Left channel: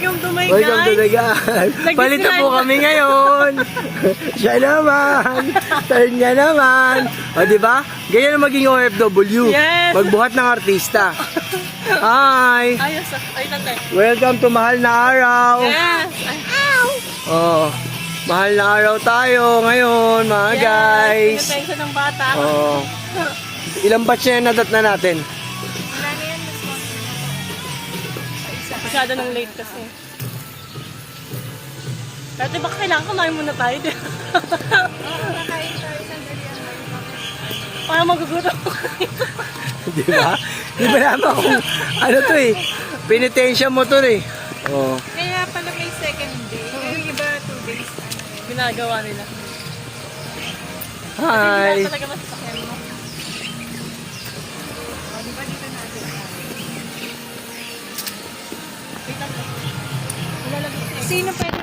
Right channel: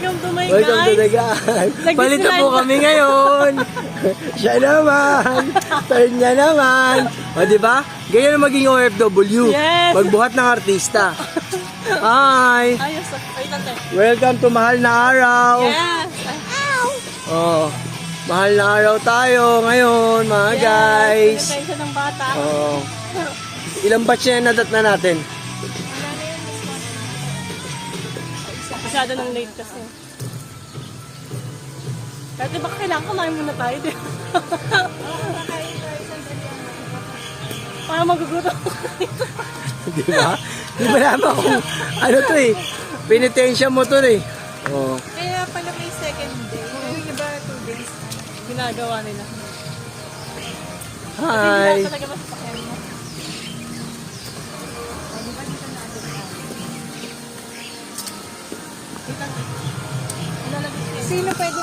Welcome to my Welcome to the guys. guys. Palito po kami ngayon. Siya naman. Turn niya naman. O, diba? Ganyan na maging OFW. Yes. Magbuhat ng artista. Hi. Ayos. Ay, lante. Welcome to mahal na araw. Yes. Ay, ow. Oh, mahal na araw tayo ngayon, mga guys. Yes. Pinatensya ng bata. Oh. Ilang batch na nadat na natin? Masyado nang late kasi. Dati baka kailangan kumain muna tayo. Kakain tayo sandali ang Para magugutom. Di ba? Di ba naman kung ano to eh. Pinitensya mo to eh. Oh. Kaya pala may second day. Yung iba 2 days. Ginagawa nila. Hi. Hindi talaga masasakyan mo. Di ba dito natin? Wait lang. Sino pwede